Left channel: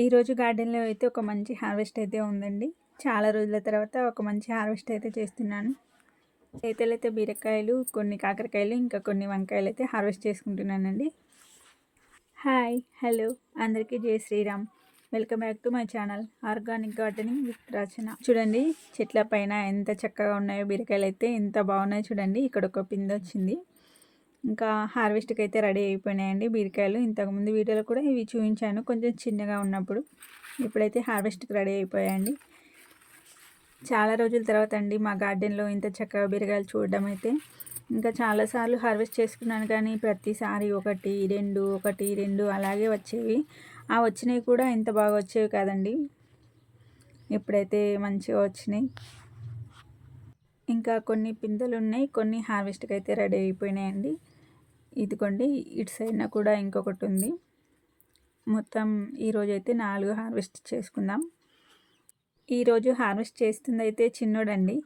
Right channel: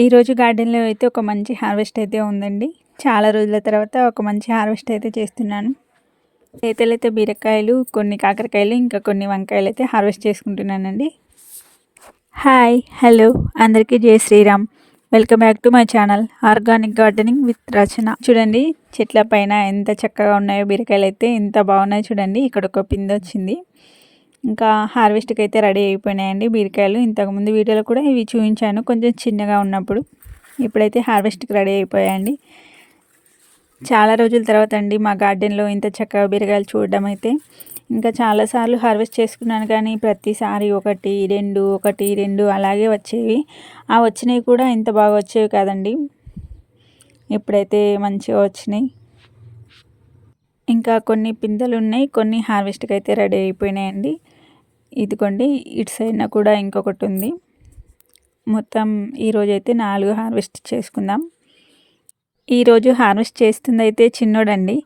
ఈరోజు గార్డెన్లో అయితే ఒక మంచి హార్వెస్ట్ అయితే ఉందండి. చాలా రోజుల తర్వాత ఒక మంచి హార్వెస్ట్ అయితే చేస్తున్నాను. అయితే బీరకాయలు కొన్ని కాకరకాయలు ఇంకా కొన్ని వంకాయలు అయితే హార్వెస్ట్ చేసుకుంటున్నానండి. హాయ్ హలో అందరికీ జై Shriram. Welcome back to my channel organic gardening with Rachana. చూడండి చెట్ల పైన ఎంత చక్కగా ఉన్నాయో బీరకాయలు అయితే ఎంత బాగున్నాయో చూడండి ఇక్కడ ఒక పిండి వచ్చింది ఇంకా హార్వెస్ట్కి అయితే రెడీ అయిపోయినాయండి బీరకాయలు. ఇంతకుముందు వీడియోలో కూడా ఇవి చూపించాను. కొంచెం చిన్నగా ఉన్నప్పుడు. ఇప్పుడైతే హార్వెస్ట్కి రెడీ అయిపోయాయండి. చాలా రోజుల తర్వాత అండి మా గార్డెన్లో ఇంత చక్కగా బీరకాయలు చూడడం అయితే. ఇంకా చాలాసార్లు హార్వెస్ట్ చేసుకున్నాను కానీ ప్రతిసారి ఒకటి రెండు ఒకటి రెండు అలాగే వచ్చేవి. ఆ వచ్చినవి కూడా ఇంత బాగా వచ్చేవి కాదండి. ఇప్పుడైతే మంచిగా వచ్చినాయి. ఇంకా కొన్ని పిందెలు ఉన్నాయి. కొన్ని హార్వెస్ట్కి అయితే రెడీ అయిపోయినాయండి. ఇదిగోండి ఇటు సైడ్న కూడా ఇంకొకటి ఉంది. మొత్తం ఈరోజు అయితే నాలుగు హార్వెస్ట్ చేసుకుందాం. ఈరోజు హార్వెస్ట్ చేస్తుంది అయితే చిన్నోడండి.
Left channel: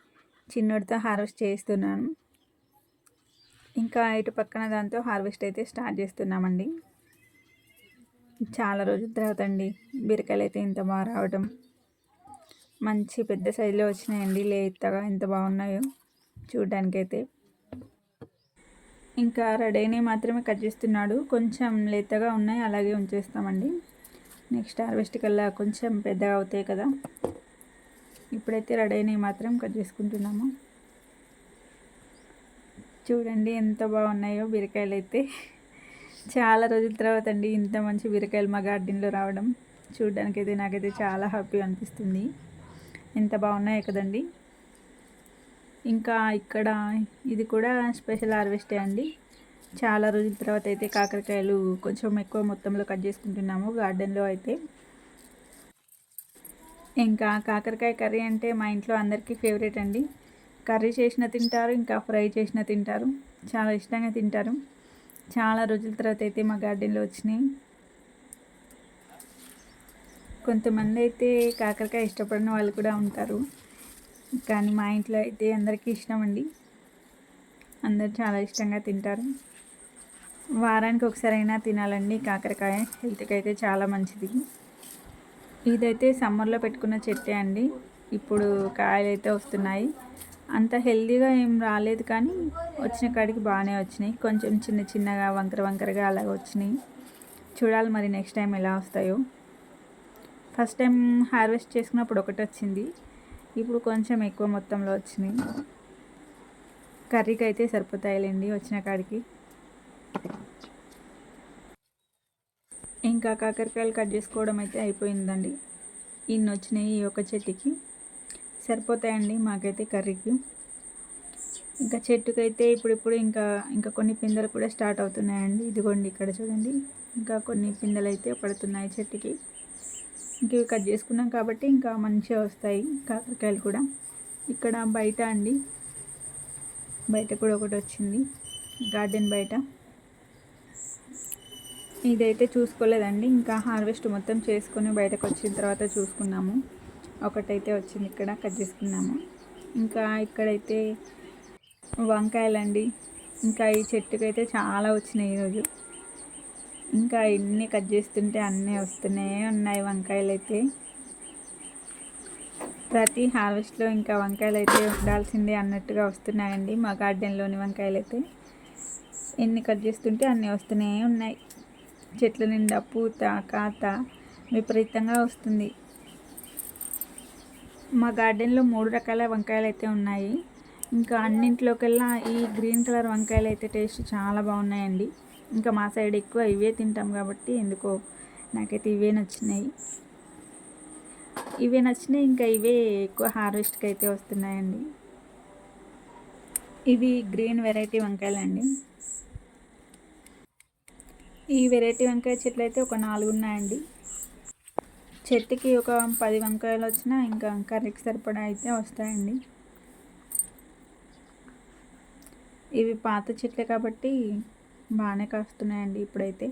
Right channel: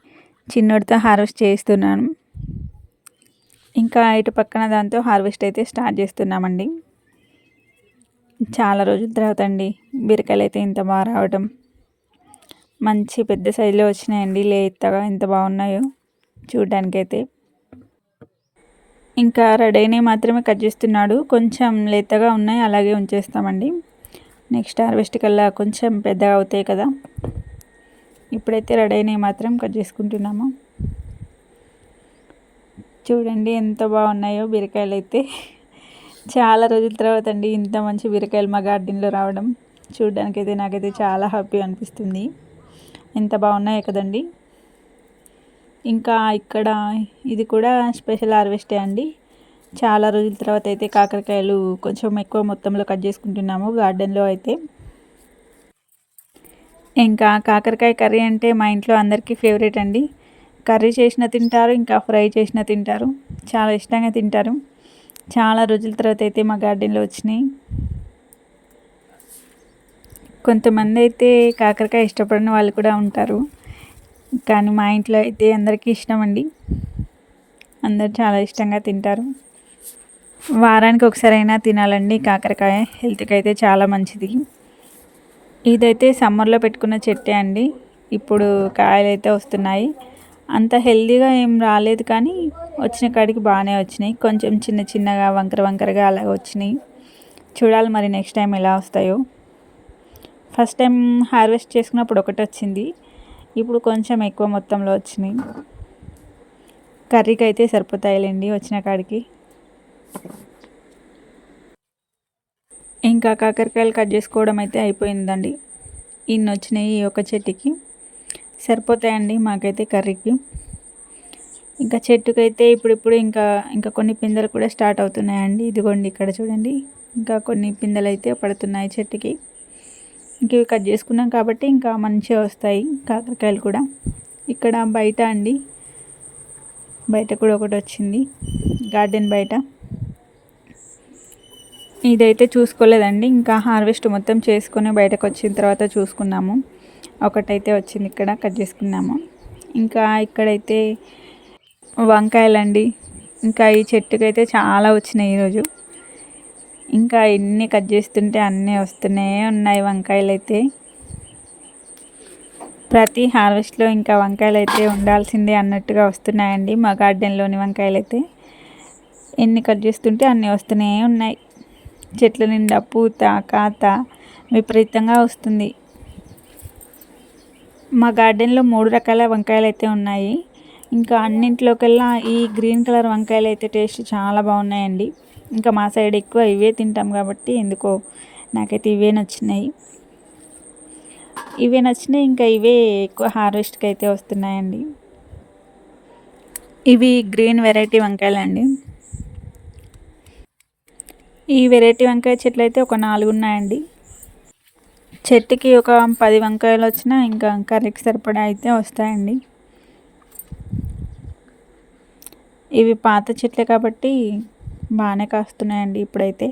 చిన్నోడితో హార్వెస్ట్ చేస్తున్నాను ఇంకా ఇటు పక్కన దాంతో హార్వెస్ట్ అయితే స్టార్ట్ చేస్తున్నామండి. చాలా రోజుల తర్వాత అండి బీరకాయలు అయితే ఇంత బాగా రావడం మంచి పెద్ద సైజులో వచ్చినాయండి లేతగా ఎంత బాగున్నాయో చూడడానికైతే. ఇంకా రెడీని మాత్రమే కట్ చేస్తున్నాడు. కొంచెం లేతగా ఉన్నాయి అలాగే ఉంచేస్తామండి. నెక్స్ట్ హార్వెస్ట్ కల్లా కొంచెం పెద్దగా అవుతాయి కదా. ఇప్పుడైతే రెడీని మాత్రం కట్ చేసుకుంటున్నాము. చూడండి ఎంత బాగున్నాయో బీరకాయలు అయితే. చాలా రోజుల తర్వాత అండి ఇంత మంచి బీరకాయలు మా గార్డెన్లో రావడం. చూడడానికైతే నాకైతే చాలా హ్యాపీ అనిపిస్తుంది. ఎంత బాగున్నాయో కదండి. ఇంకా ఇక్కడ ఇది కూడా స్పెషల్ హార్వెస్టే అండి. చాలా రోజుల తర్వాత అయితే కాకరకాయలు కొంచెం ఎక్కువ మొత్తంలో కట్ చేసుకుంటున్నాము గార్డెన్లో అయితే. ఇంకా కాకరకాయ కర్రీ అంటే మా ఇంట్లో అందరికీ ఫేవరెట్ అండి. కర్రీ చేసిన తింటారు ఇంకా ఫ్రై చేసిన తింటారు. చాలా ఇష్టంగా తింటారు. చాలా రోజుల తర్వాత అయితే మా గార్డెన్లో వచ్చినాయి. కొంతమంది అయితే కాకరకాయ ఇష్టపడిన వాళ్ళు కూడా ఉంటారు. కానీ మా ఇంట్లో అయితే అందరికీ ఇష్టం అండి అందరు చాలా ఇష్టంగా తింటారు. వారానికి ఒకసారి అయినా తినాలండి. కాకరకాయ హెల్త్కి అయితే చాలా మంచిది. ఇదైతే సమ్మర్లో పెట్టుకున్న చెట్టే అండి. ఇప్పుడు కాయలు అయితే వస్తున్నాయి. అంత హెల్దీగా ఏం రాలేదు కానీ వచ్చిన కాడికి బాగానే వచ్చినాయి. కొంచెం చిన్న చిన్నగా వంకర వంకరగా అలా వచ్చినాయి. చూడాలి మరి నెక్స్ట్ టైం ఎలా వస్తాయో. ఫస్ట్ టైం హార్వెస్ట్ చేసుకున్నప్పుడు ఒకటి వచ్చింది. ఇప్పుడు కొంచెం ఎక్కువ మొత్తంలో వచ్చినాయి. కర్రీకి అయితే సరిపోతాయిలేండి వచ్చిన కాడికి. ఇంకా కాకరకాయలు కట్ చేసుకోవడం అయితే అయిపోయిందండి. ఇన్ని వచ్చినాయి ఈ ఒక చెట్టుకి. సరిపోతాయండి మాకైతే కర్రీకి. ఇంకా చెట్టుకైతే ఇప్పుడిప్పుడు ఇంకా ఇంకా కొన్ని పిందెలు కూడా స్టార్ట్ అవుతున్నాయండి. ఇదిగోండి ఇక్కడ చూడండి. ఇంకా కొన్ని పిందెలు అయితే పడుతున్నాయి చెట్టుకి. ఇంక ఇవి కట్ చేసుకున్నాం కాబట్టి ఇంకా మంచిగా వస్తాయి కాకరకాయలు కూడా. ఇక్కడ బయట అండి బయట కూడా ఒకటి వచ్చింది గార్డెన్ బయట. ఇదైతే చూసుకోలేదండి ఇంకా హార్వెస్ట్ మొత్తం చేసుకొని బయటకు వచ్చిన తర్వాత చూసుకున్నాము. ఒకటైతే వచ్చింది ఇక్కడ కట్ చేసుకున్నాము. ఇంకా ఇక్కడైతే వంకాయలండి ఇంకా ఈ చెట్టుకైతే చాలా వచ్చినాయి ఈరోజు. ఇంకా ఎన్ని కట్ చేస్తుంటే అన్నీ వస్తూనే ఉన్నాయి వంకాయలు అయితే ప్రతి హార్వెస్ట్లో ఇంకా వంకాయలు అయితే ఉండాల్సిందే అన్నట్టుగా వస్తున్నాయండి మా గార్డెన్లోని వంకాయలు అయితే ఎన్ని కట్ చేస్తుంటే అన్నీ వస్తూనే ఉన్నాయి. చెట్ల నిండా పూత కాత విపరీతంగా వస్తుంది. మా గార్డెన్లో మూడు రకాల వంకాయలు అయితే ఉన్నాయి. ఇంకా అన్నింటిలోకెల్లా ఈ గ్రీన్ కలర్ వంకాయలు అయితే టేస్ట్ చాలా బాగున్నాయండి. ఇంకా మా సైడ్ ఎక్కువ ఇవే తింటాం కాబట్టి ఎందుకో నాకైతే ఇవే నచ్చినాయి. ఇవే నచ్చినాయి ఇంకా ఇవే ఎక్కువ హార్వెస్ట్కి అయితే వస్తున్నాయండి. ఇవి గ్రీన్ వెరైటీ వంకాయలండి. ఈ వెరైటీ వంకాయ చెట్లు అయితే ఒక నాలుగు ఉన్నాయండి. చెట్టుకి ఒక పది వంకాయలు వచ్చినా ఇంకా కర్రీకి సరిపడా అయితే వస్తాయండి. ఇవి పాత చెట్లే కాబట్టి బాగానే కాస్తున్నాయండి ఇప్పుడైతే.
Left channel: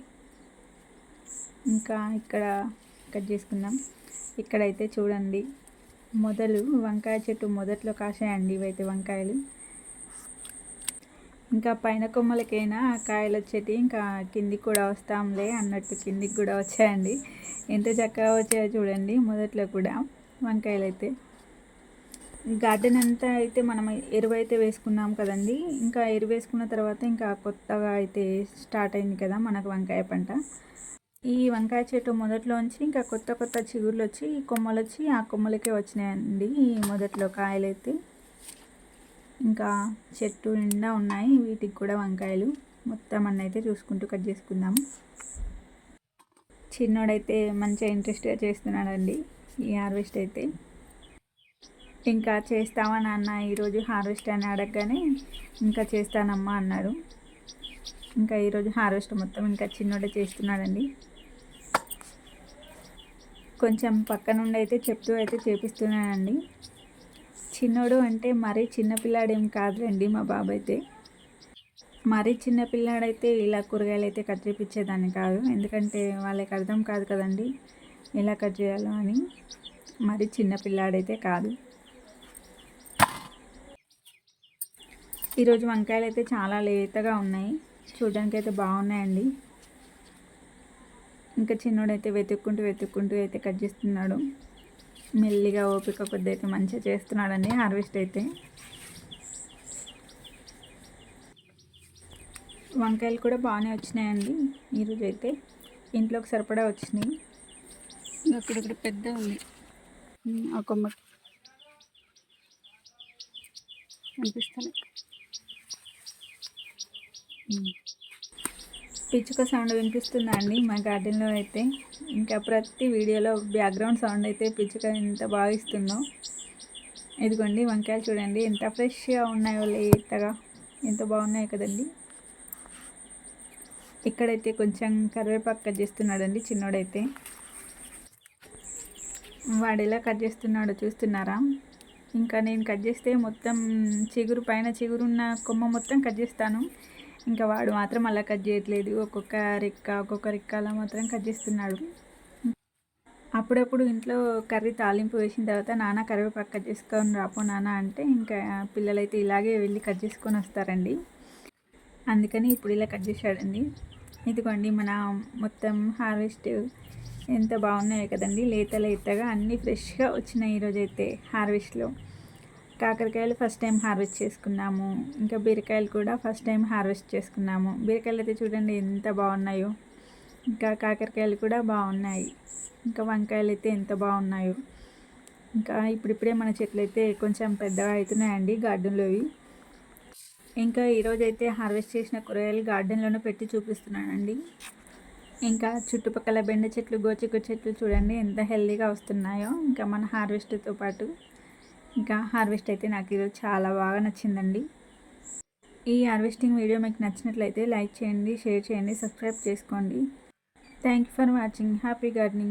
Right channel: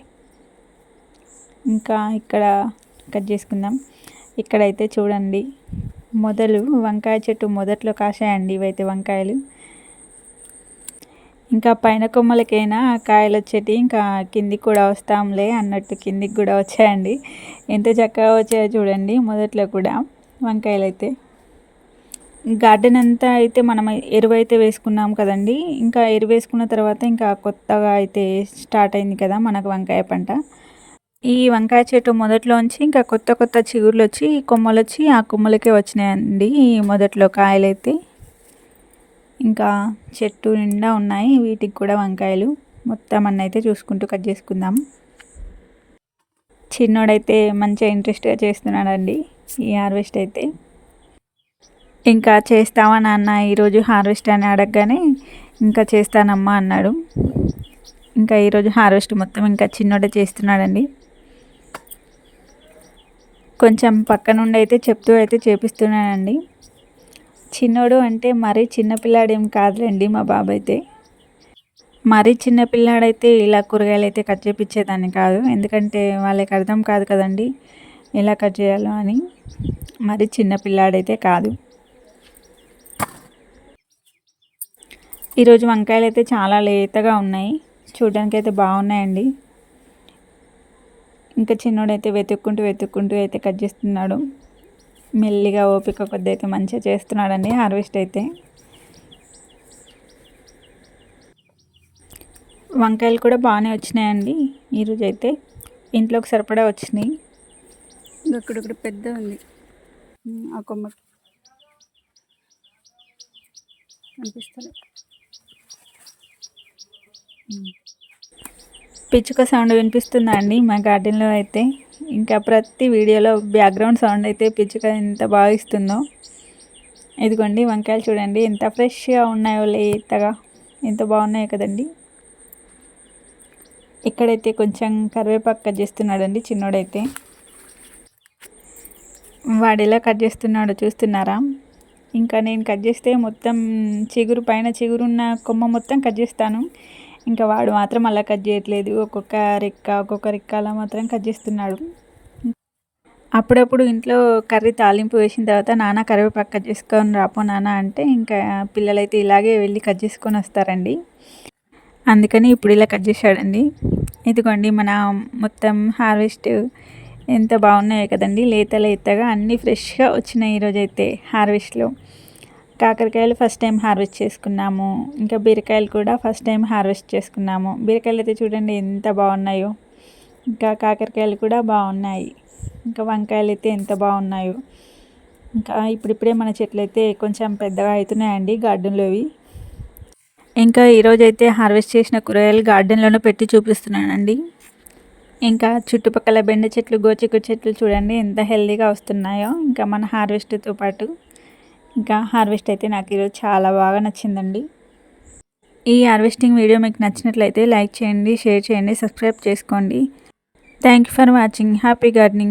ఇంకా ఇక్కడ కట్ చేసుకుందాం. ఇక్కడైతే చూడండి మొదలు వంకాయ చెట్టు మొదట్లో కాసాయండి ఇవైతే వంకాయలు. ఇంకా పైన కొమ్మలకైనా కాయలు వచ్చేటి ఇంకా కిందికి కూడా వస్తాంలే అన్నట్టు కిందికి కూడా వచ్చాయండి. ఎంత చక్కగా వచ్చాయో చూడండి మొదట్లో కూడా వంకాయలు అయితే గార్డెన్ అంతా అయితే మనం ఎరువు అయితే వేసుకున్నాం కదండి. ఇంకా ఎరువు వేసుకున్న తర్వాత ఇంకా కొత్తగా అయితే స్టార్ట్ అయింది కదా మనకు వంకాయ పంట. ఈ వంకాయ చెట్టు మొదట్లోంచి ఇంకా కొత్త కొత్త చిగుర్లు వచ్చి కొమ్మలు వచ్చి ఆ కొమ్మలకే వచ్చినాయండి మొదట్లో కాయలు అయితే ఇంకా చెట్టు నిండా ఉన్నాయి వీటికి కూడా వంకాయలు. మొత్తం అన్న అయితే చూసుకుంటూ కట్ చేసుకుందాం. చిన్నోడైతే మంచిగా ఇంట్రెస్ట్గా చేస్తున్నాడండి ఈ హార్వెస్ట్ అయితే. ఇంకా చేస్తావా నాన్న? ఈరోజు హార్వెస్ట్ అని అడగగానే ఇంకా చేస్తానమ్మా అన్నాడు. ఇంకా ఈరోజు హార్వెస్ట్ మొత్తం ఇంకా చిన్నోడే చేస్తున్నాడండి. కొంచెం పక్క నుండి అయితే చెప్తూ అయితే చేపిస్తున్నానండి. చిన్నోడు అంటే మరీ చిన్నపిల్లాడేం కాదులేండి మా బాబు అయితే మరీ చిన్నపిల్లాడైతే ఇలా కూరగాయలు అయితే కట్ చేపించేదాన్ని కాదు. ఎందుకంటే వాళ్ళకి అర్థం కాదు కదండి ఎలా కట్ చేయాలో అని. మరి చిన్నపిల్లాడైతే కాదు. ఈరోజు వంకాయలు అయితే చాలా లేతగా ఉన్నాయి. చూడడానికి అయితే బాగున్నాయండి. ఇంకా చిన్నోడైతే వెతుక్కుంటూ వెతుక్కుంటూ అయితే కట్ చేస్తున్నాడు. మెల్లిగా ఓపిక కొద్ది అయితే మంచిగా చేస్తున్నాడండి హార్వెస్ట్ అయితే. వంకాయలు కూడా బాగానే వచ్చినాయండి ఈరోజు అయితే ఇంట్లోకి సరిపడా వచ్చినాయి. అక్కడ పెద్ద ఉంది. ఆ కొమ్మ అనిపిస్తలే పిచ్చుక సౌండ్ వినిపిస్తుందా అండి మా గార్డెన్లో అయితే? ఇంకా ప్రతి వీడియోలో బ్యాక్గ్రౌండ్ సౌండ్ అయితే పిచ్చుక ఎంత బాగా ఇస్తుందో. ఇదిగోండి వంకాయలు చూడండి. ఎంత ఫ్రెష్గా ఉన్నాయో లేతగా ఎంత బాగున్నాయో కదండి. ఇక్కడైతే కొంచెం కరివేపాకు కట్ చేస్తున్నాడండి చిన్నోడైతే. వాడు ఎలా కట్ చేస్తున్నాడో చూస్తున్నారా? ఇంకా నేను కట్ చేస్తే మొత్తం చిగురు పైన చిగురున్న కొమ్మ మొత్తం కట్ చేస్తాను. ఇంకా వాడు మాత్రం అలా కట్ చేయట్లేదు. ఒక్కొక్క రెక్క ఒక్కొక్క రెక్క అలా మాత్రం కట్ చేస్తున్నాడు. అప్పుడప్పుడు ఇంట్లో కర్రీ తాలింపు వేసిన తర్వాత నాన్న కరివేపాకు కట్ చేసుకొని రాపో నాన్న అంటే ఇంకా పిల్లలైతే ఇలాగే వెళ్ళి కట్ చేసుకొని వస్తారండి. అందుకని ఇప్పుడు ఇలా కట్ చేశాడండి. ఇదిగోండి మన మొత్తం హార్వెస్ట్ ఎంత బాగున్నాయో కదండి. లేత లేతగా అన్నీ ఫ్రెష్గా వచ్చినాయి ఈరోజైతే హార్వెస్ట్లో. కాకరకాయలు ఫస్ట్ టైం హార్వెస్ట్ చేసుకున్నాము. ఇంకా బీరకాయలు కూడా ఫస్ట్ టైం హార్వెస్ట్ చేసుకున్నాము. బీరకాయలు అయితే చూడండి ఎంత బాగున్నాయో. ఇంకా కాకరకాయలు కూడా బాగున్నాయి. ఇంకా వంకాయలు అయితే ఎంత బాగున్నాయో. ఇంకా ఇప్పుడిప్పుడే మన చెట్లు అయితే కొంచెం పెద్దగా అవుతున్నాయండి గార్డెన్లోవి. ఇంకా ఈరోజైతే హార్వెస్ట్ చేసిన కూరగాయలు గార్డెన్లోనే పెట్టి చూపిస్తున్నానండి. ఇంకా చుట్టుపక్కల బెండ చెట్లు గోచిక్కుడు చెట్లు చూడండి ఎంత హెల్దీగా వస్తున్నాయో. ఇంకా మన హార్వెస్ట్తో పాటు ఇంకా హార్వెస్ట్ అయితే నాకు ఈరోజు చాలా బాగా నచ్చిందండి. ఈ హార్వెస్టింగ్ వీడియో మీకు నచ్చినట్లయితే లైక్ చేయండి షేర్ చేయండి సబ్స్క్రైబ్ చేసుకోండి. Thank you for watching. Happy gardening.